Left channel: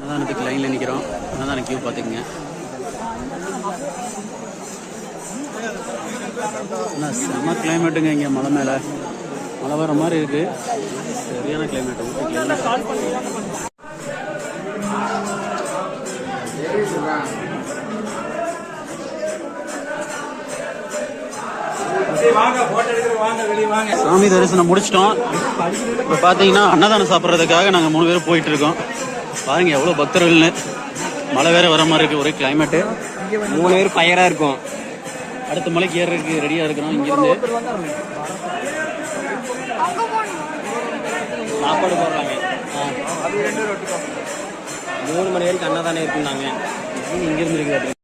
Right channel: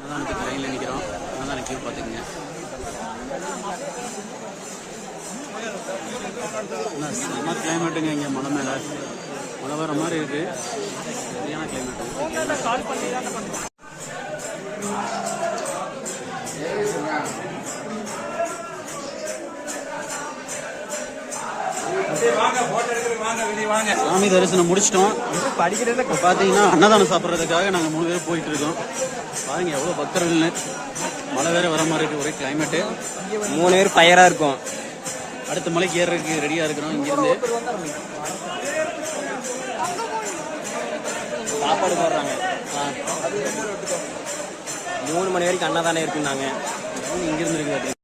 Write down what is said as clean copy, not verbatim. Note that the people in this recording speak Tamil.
அன்னதானத்துக்கு லைன்ல நிற்கிறோம். அன்னதான கியூ பார்த்துக்குங்க. செம்ம கிளைமேட்டுங்க. இங்கே மலை மேலே மழை வர மாதிரி இருக்கு. சரியான கிளைமேட். சாமி தரிசனம் முடிச்சிட்டோம். இப்போ பார்த்தீங்கன்னா அன்னதானம் சாப்பிட்றதுக்காக நாங்கள் 3 பேரும் போயிட்டு இருக்கோம். பாருங்க எவ்வளோ பக்தர்கள்னு. மழை வேற வர மாதிரி இருக்கு. ஒரே கிளைமேட்டு. 3 பேர் டயரா இருக்கும். அடுத்த மலைக்கு ஏறதுக்கு ரெடியா இருக்கிறோம். இங்கிருந்து சாப்பாடு போடுறாங்க. 3 மணி வரைக்கும் அன்னதானம் இருக்குன்னாங்க. இங்கிருந்து இருக்குது.